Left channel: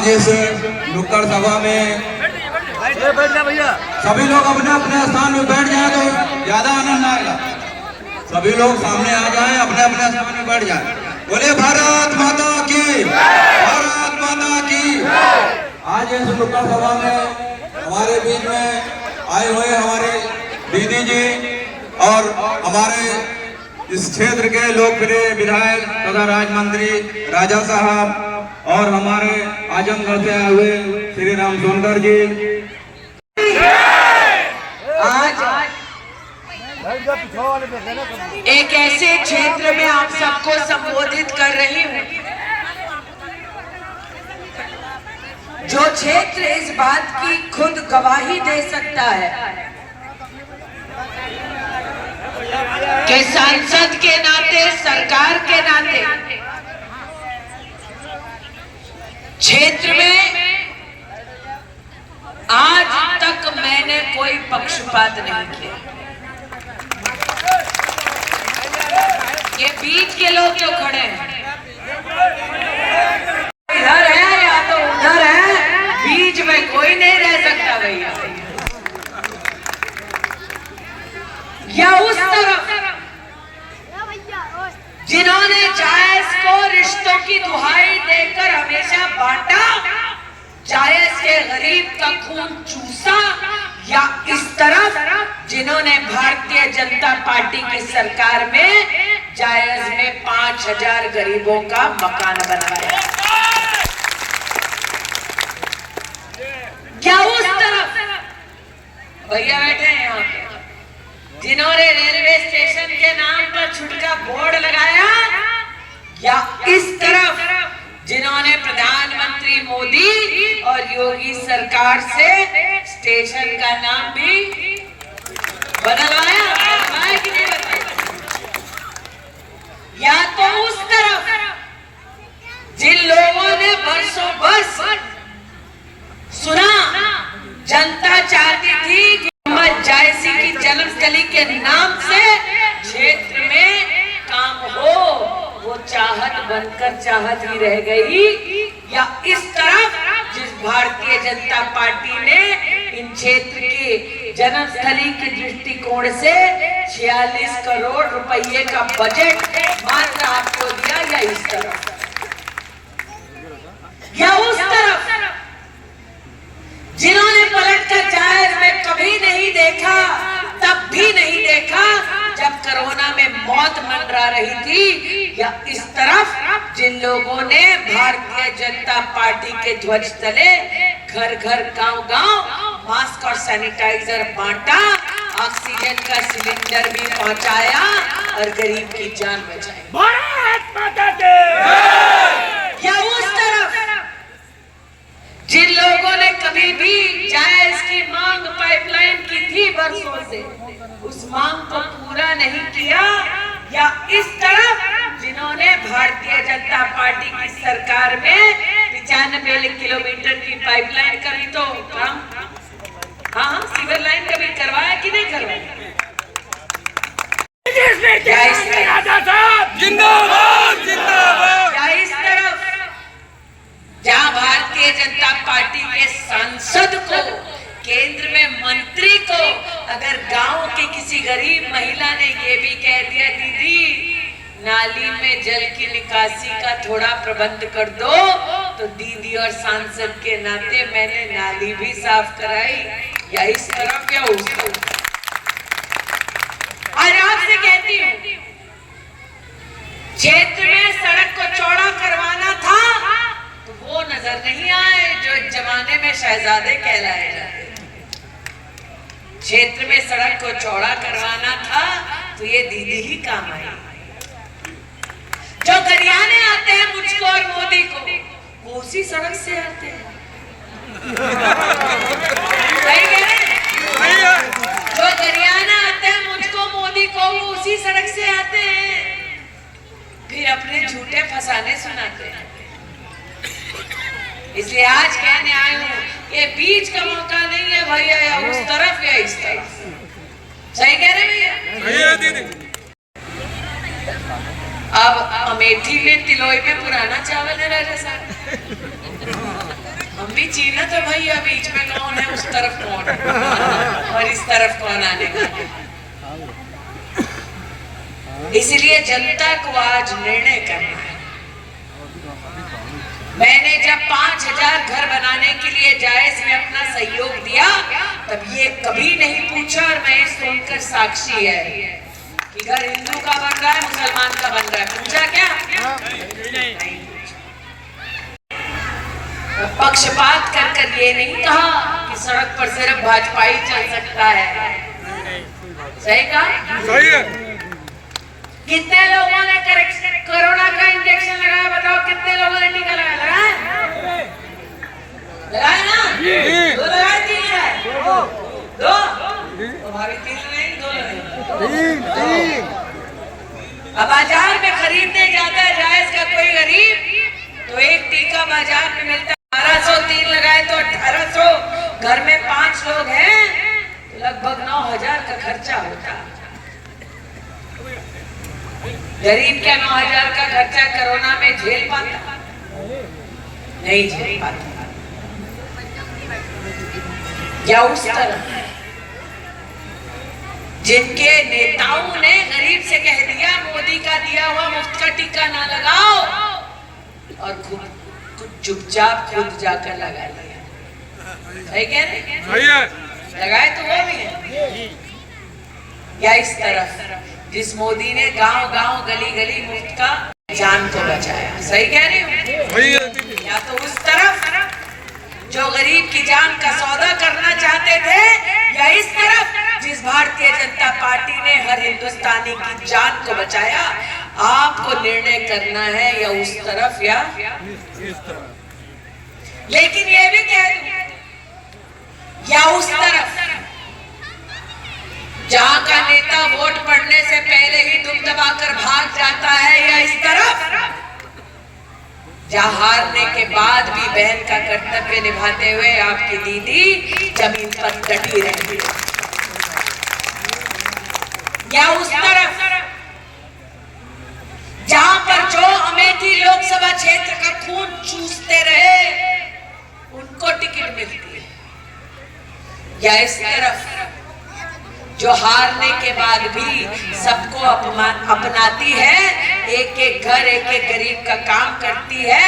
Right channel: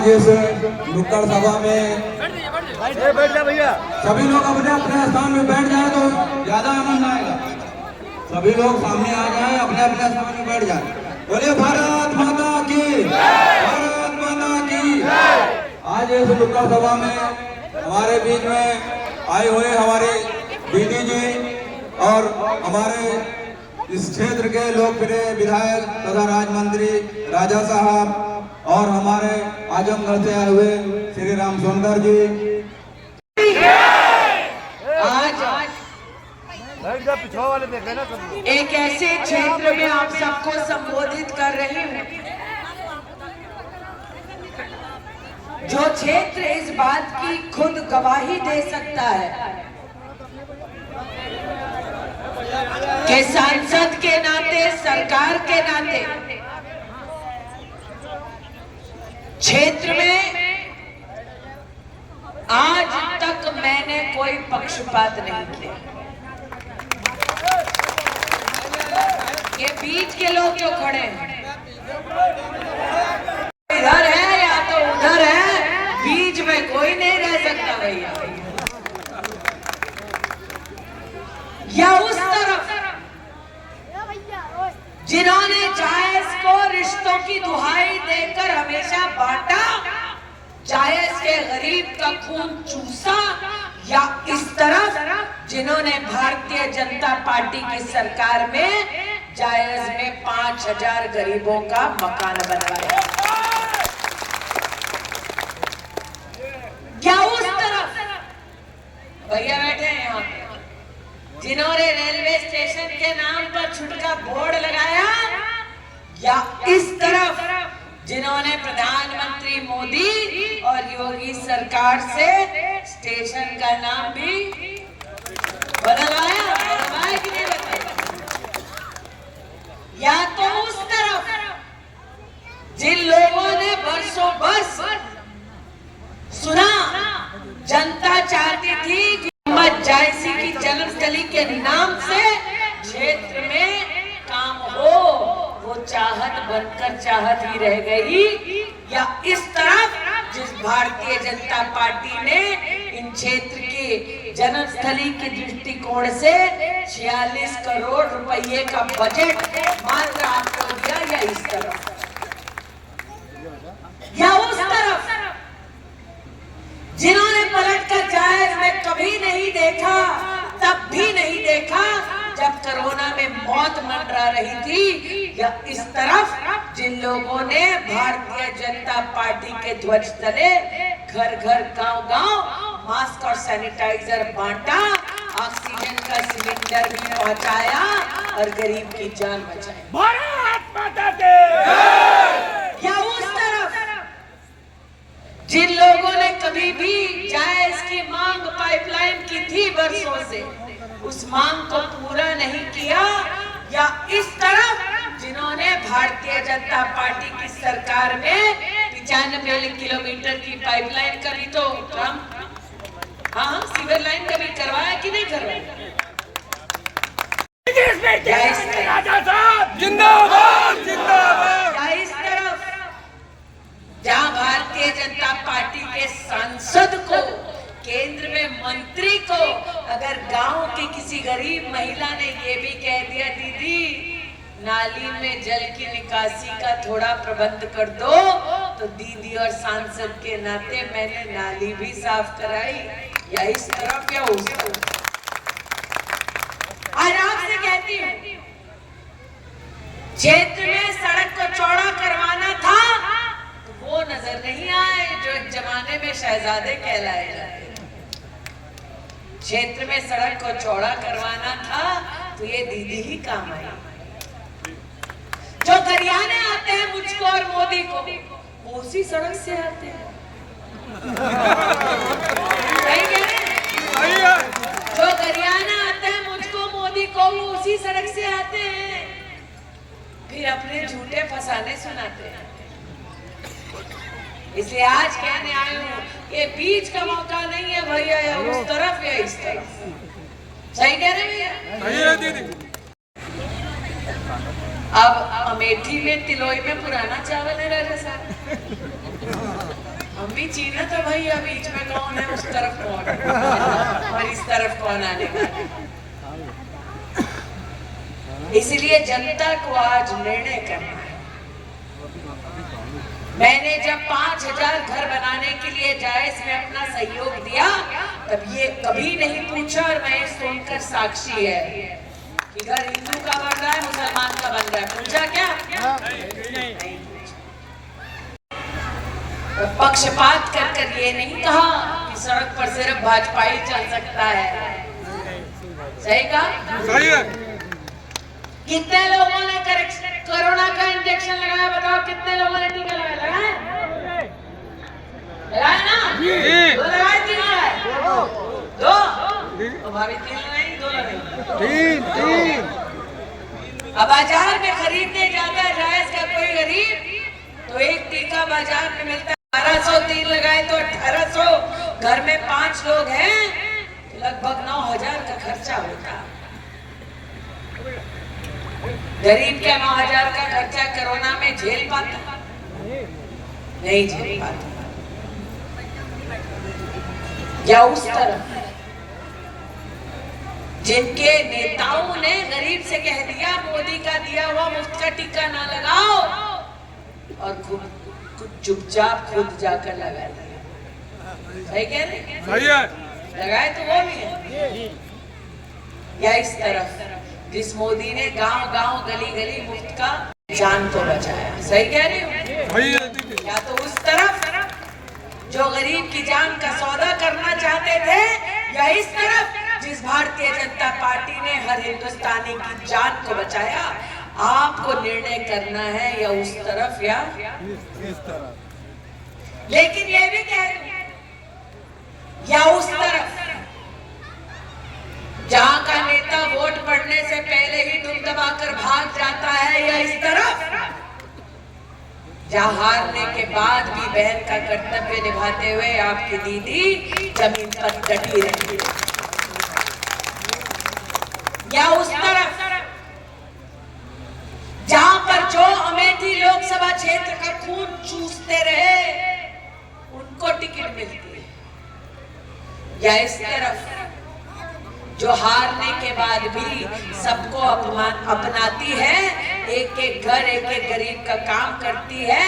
आज इस नुक्कड़ सभा में सभी लोग अपने अपने स्थान में बैठ जाए तो ज्यादा आनंद आएगा। सभी लोग सामने आ जाए, अपने अपने स्थान में बैठ जाए। बोले भारत माता की, भारत माता की। आज इस नुक्कड़ सभा में हमारे बीच में आए हुए हमारे दीदी जी और हमारे इस क्षेत्र के लोकप्रिय विधायक तथा राज्य मंत्री राजा साहब और हमारे आजमगढ़ से आए हुए श्री राम सोनकर जी। आज एक ऐसे क्षेत्र में आप सबको संबोधित कर रही हूँ जो क्षेत्र इस बात की खुद गवाही दे सकता है कि सांसद के नाते, सरकार के नाते क्षेत्र में आज तक मैंने कोई पक्षपात नहीं किया। ये बीच के लोग जो खड़े हैं, इधर है या तो उधर है, बीच में कोई नहीं रह सकता भैया। या उस तरफ जिन्होंने जायज को रिश्तों की दुहाई देकर हमेशा बांटा, जायज के गरीब का खून चूसा, या इस तरफ जिन्होंने भारतीय जनता पार्टी की सरकार में जायज में 5000 गरीबों का मकान बनाया। क्या उस तरफ भैया बैठे हैं यहाँ पे जिन्होंने रेलवे स्टेशन के नाम पर छुटका बोर्ड लगाया, या इस तरफ जिन्होंने प्रधानमंत्री मोदी और योगी सरकार से स्टेशन का नाम भी बदलवाया कि नहीं बदलवाया? या तो उस तरफ जिन लोगों ने वर्षों बरस सुना, जनता चाहती थी कि मोहम्मद जायसी की जन्मस्थली के नाम से क्षेत्र में काम हो, वो चाहत बनकर चाहत ही रह गई। या इस तरफ जिस भारतीय जनता पार्टी ने इन क्षेत्र के जन्मस्थली के दृष्टिकोण से 46 करोड़ रुपए का बजट मात्र आपको दिया, या इस तरफ या उस तरफ जिन्होंने पलटकर जायज में कभी नहीं देखा, तब भी नहीं देखा जब कोरोना में मौत मंडरा रही थी, या इस तरफ जिन लोगों ने भारतीय जनता पार्टी के ध्वज तले घर घर गांव गांव मास्क और सैनिटाइजर बांटा, ऑक्सीजन का सिलेंडर भी पहुंचाया और गरीब की जान बचाई। भारत माता की। या उस तरफ जिन लोगों ने कभी भी जायज की मांग पाइपलाइन की थी वर्षों से, उस मांग को पूरा नहीं किया, या इस तरफ जिन्होंने भारतीय जनता पार्टी की सरकार में 95 किलोमीटर की पाइपलाइन का भी तो काम, हाँ सीवर लाइन का भी करवाया कि नहीं करवाया? जिंदाबाद जिंदाबाद। या इस तरफ जहाँ भारतीय जनता पार्टी के सांसद को, केंद्र में मंत्री को अगर गांव की किसी गरीब महिला ने ये भी कह दिया, दीदी नाली में जल की निकासी का थोड़ा प्रबंध कर दो, तो दीदी और सांसद के नाते मैंने नाली भी साफ कराई। या इस तरफ या उस तरफ। आज आपसे कहती हूँ, क्षेत्र में सड़क को चौड़ा करवाना था तो वो नजर नहीं आए जो एक जमाने में शहजादे कहलाए जाते। क्षेत्र में सड़क को चौड़ा करवाना था तो ये दीदी ही काम आई। जो गरियाने आते हैं मुझको और मोदी को, वो उसी सड़क से आते हैं। सही कह रहे हैं? जो गरियाने आते हैं मुझको मोदी को, वो उसी सड़क से आते हैं, फिर अपने झूठे फसाने सुनाते हैं। इसलिए आज कहने आए हूँ, ये बीच का मौका नहीं है भैया, या उस तरफ या इस तरफ। सही कह रहे भैया? अब अमेठी में तिलोई में पुराना चावल है राजा साहब। हम भी चीना तो भैया बीच में कौन है, उस तरफ कौन है और इस तरफ कौन आने वाला है। इसलिए जनता को आज निर्णय करना है। मैंने जब 5000 घर बनाने के लिए जायज में अपना सहयोग दिया, तब ये कभी नहीं पूछा, और मैं सुनकर साक्षी है कि घर हिंदू का बन रहा है, मुसलमान का बन रहा है, पूछा क्या? नहीं। पक्षपात कर ये नहीं कहा कि सड़क पर सिर्फ भाजपा ही चल सकता है। सही कहा? सही है। कितने लोगों ने कोरोना का इंजेक्शन लगाया, बताओ कितने लोगों ने टीका लगाया? लगाया ना? 2 लगाए, 3 लगाए? 2 तो भाभी 3 लगाए, 2 लगाए। अब बाजार में खरीदने जाता है जायज का कोई गरीब, तो एक टीका बाजार में मिलता है 1200, 3 लगाए तो 1800। घर में 5 लोग हैं तो लगभग 9000 का खर्चा होता है। गरीब क्या 9000 का खर्चा कोरोना में झेल पाता? नहीं झेल पाता। या उस तरह जिनके नेताओं ने गरीब से कह दिया मोदी का दिया हुआ मुफ्त का टीका ना लगाओ, और खुद चुपचाप खुद जाकर लगा लिया। सही कह रहे? लगाए तो वो भी है। या इस तरफ जिस मोदी ने गांव-गांव गली-गली मुफ्त का जान को बचाया। सही कह रही हूँ? या तो उस तरफ जो गरीब की जान का सौदा करना चाहते थे, या इस तरफ जिस भारतीय जनता पार्टी ने हर हिंदुस्तानी की जान को बचाया। आपको निर्णय करना है या उस तरफ या इस तरफ। लेकिन ये भी कह दूं, या उस तरफ जहां का नेता वोट पड़ने से पहले ही दुम दबाकर भाग जाता है, या इस तरफ जहां हारने के बाद भी बहन का कर्तव्य निभाते हुए आपकी दीदी जमीन पर डटी रहती है, या उस तरफ जहां पर जो अमेठी लोकसभा क्षेत्र का खून चूसते रहे उनको टिकट मिलती है, या इस तरफ जो हारने के बाद भी सबको अपनाती है, एक एक घर एक एक गरीब का काम करती है,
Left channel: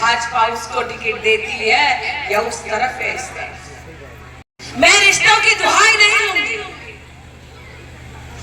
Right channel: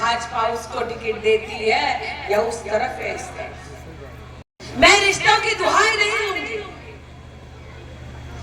भाजपा उसको टिकट देती है, या उस तरफ है इस तरफ। मैं रिश्तों की दुहाई नहीं लूंगी,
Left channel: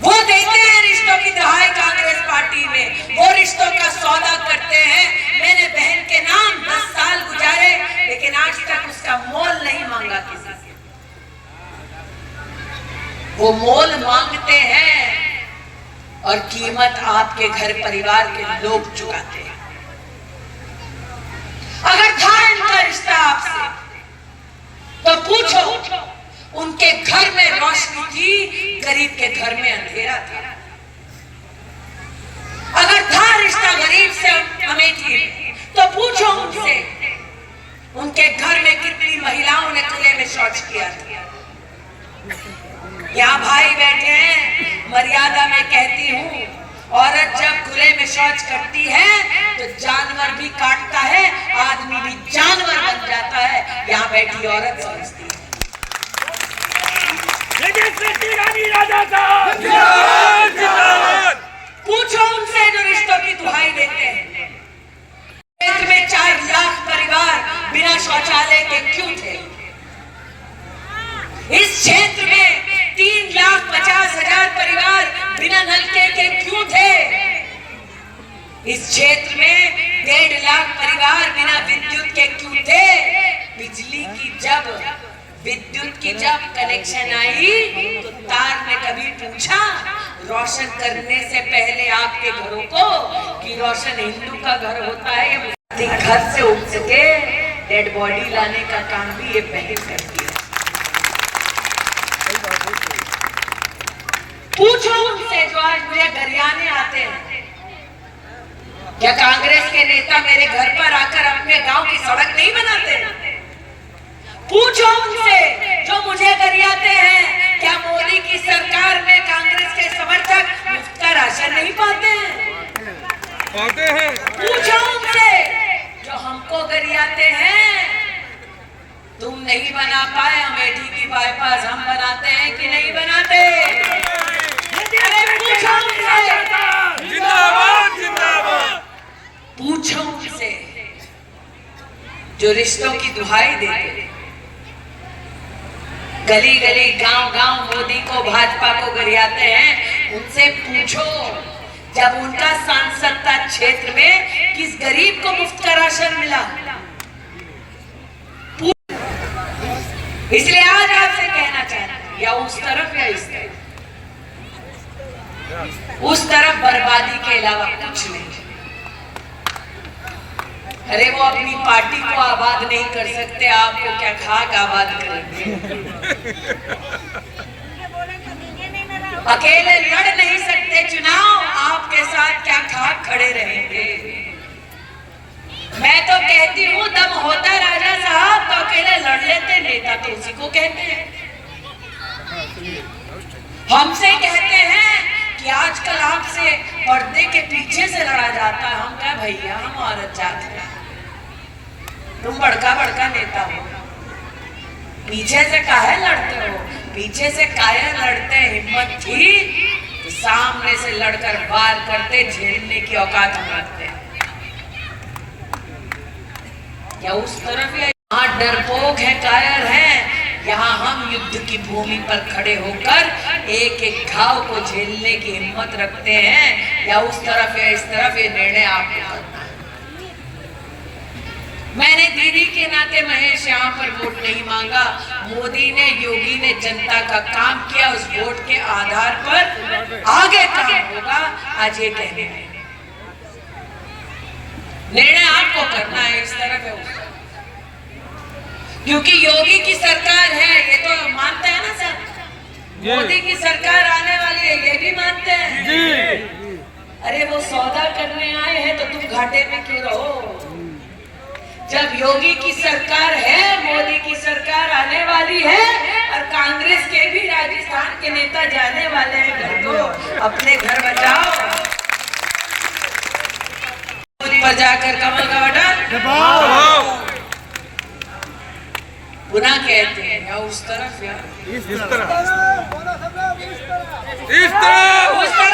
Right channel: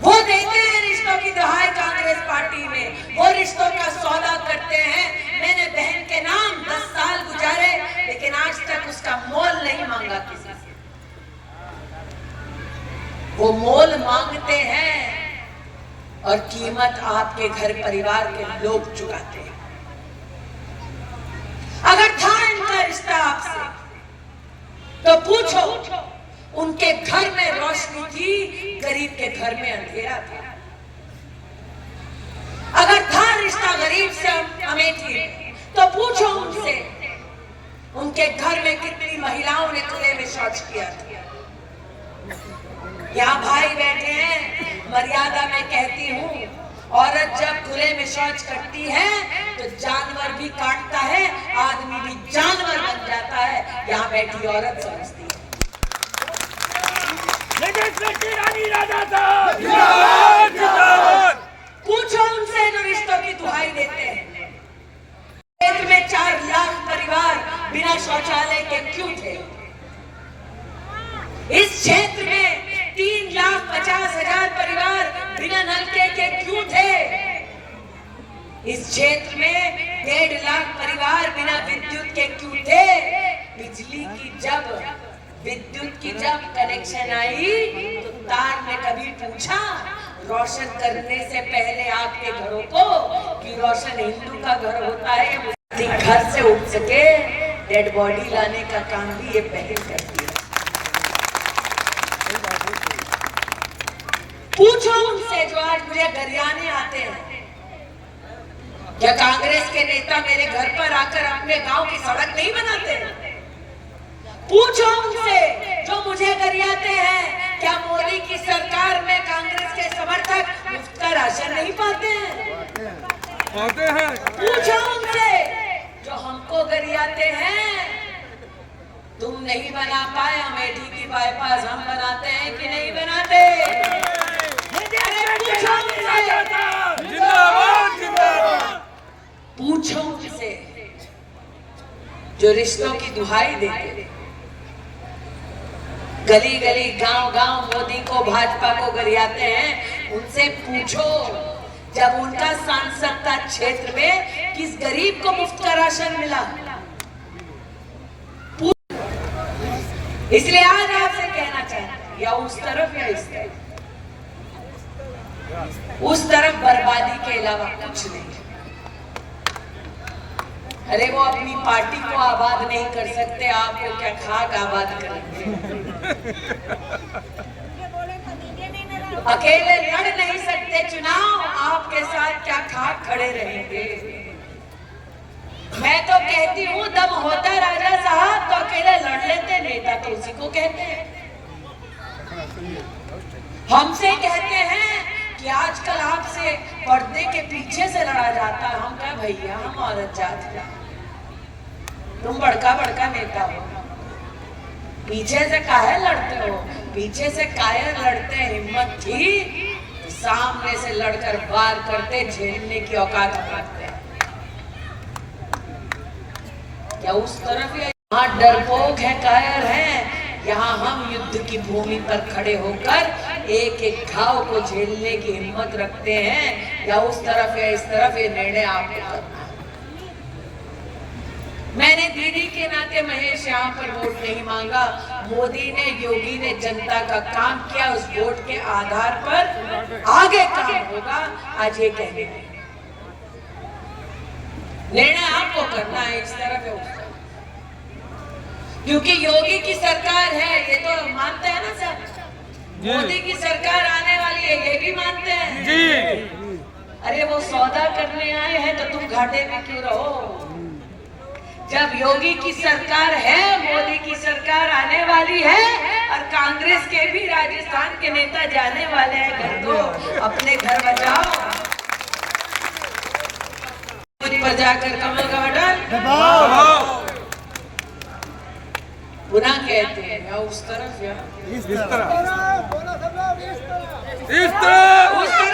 वो देते हैं रिश्तों की दुहाई कांग्रेस पार्टी में, वो रिश्तों का सौदा करते हैं। मैंने बहन के नाम 10 साल गुजारे, लेकिन आज तक उसका मोल नहीं मांगा किसी से। वो मोल मांगते हैं और कीमत आपके घर परिवार के लोग चुकाते हैं। अगर था इनका रिश्ता आपसे तो पूछो, उनके घर में रोशनी थी, गरीब के घर में अंधेरा था। अगर था रिश्ता गरीब से अमेठी तो पूछो उनसे, उनके घर में कितनी महिलाओं ने खुले में शौच किया था। यहाँ भाई बैठे हैं, मर्यादा में कहती हूँ, औरत जब खुले में शौच करती है तो जानवर भी काटता है, आदमी भी जानवर बन जाता है। यहाँ बैठी औरत समझती है। पूछो उनसे जो रिश्तों की दुहाई देते हैं, क्षेत्र में 4 लाख परिवार बिना शौचालय के क्यों थे? इस क्षेत्र में 3,50,000 परिवार बिना नलके के क्यों थे? इस क्षेत्र में 1.5 लाख परिवार बिना विद्युत के क्यों थे? विद्युत की जब कनेक्शन आई तो तार ने कभी पूछा रोशन करने से पहले आपके घरों को कि रोशन हिंदू का घर होता है, घर से उठ सके डेड बॉडी लाने का काम भी ये बहन करती है। पूछो उनसे जो आज मुझे गरियाने आते हैं, क्या कांग्रेस के नेता मेरे घर पर आकर अपने गांव की सड़क नहीं बनाते? पूछो उनसे जो मुझे गरियाते हैं, क्या मोदी की सरकार में कांग्रेस के समर्थक मुफ्त का राशन नहीं पाते हैं? पाते हैं। पूछो उनसे जो हमको गरियाते हैं जो रिश्तों की दुहाई देते, गली गली गांव गांव मोदी को भाजपा को गरियाते हैं, उनसे पूछो जब उनका सांसद था क्षेत्र में किस गरीब को मुफ्त का राशन मिला। इसलिए आज आपसे कहना चाहते हैं, या उस तरफ या इस तरफ, उस तरफ बर्बादी के अलावा कुछ नहीं। अरे वो अपनी पार्टी को आबाद नहीं कर सकते, आपको क्या खाक आबाद करेंगे। अकेले लड़ नहीं सकते चुनाव, आपके साथ क्या खाक खड़े रहेंगे। मैं तो कहती हूँ दम होता राजा साहब तो अकेले लड़ लेते, नेता तो उसी को कहते हैं। हमसे कहते हैं कि आजकल आपसे पर्दे के पीछे से लड़ा जाता है। हम क्या भैया, हम औरत जात हैं, तुम बड़का बड़का नेता हो, पीछे से काहे लड़ते हो। पीछे से काहे लड़ते, हिम्मत थी तो सामने से लड़कर वार करते, झेलने की औकात हम रखते हैं। या उस तरफ या यहाँ डरपोक है, कायर है, यहाँ हम युद्ध की भूमि पर खड़े होकर एक एक घाव को झेलने की हिम्मत रखते हैं। या उस तरफ या इस तरफ, ये निर्णय आपको करना है। मैंने दीदी के नाते महेश यहाँ पर वोट नहीं मांगा। मोदी ने, योगी ने जनता का काम किया, उस वोट के आधार पर आगे काम होगा। आज ये कहने में निर्णय आपको करना है, इस तरफ है उस तरफ, क्योंकि योगी की सरकार है, ये तो मानते हैं ना सर। मोदी की सरकार आने वाली है, ये भी मानते हैं जी। अरे वो सौदा करने आए हैं तो तुम घाटे में क्यों रहो। जब योगी की सरकार है, मोदी की सरकार आने वाली है, और कांग्रेस के भी राजस्थान के नेता जाने वाले हैं घर, तो अपने घर बचाओ। मोदी पर जाकर कमल का बटन गुनाह कहते हैं। या उस तरफ या इस तरफ, उस तरफ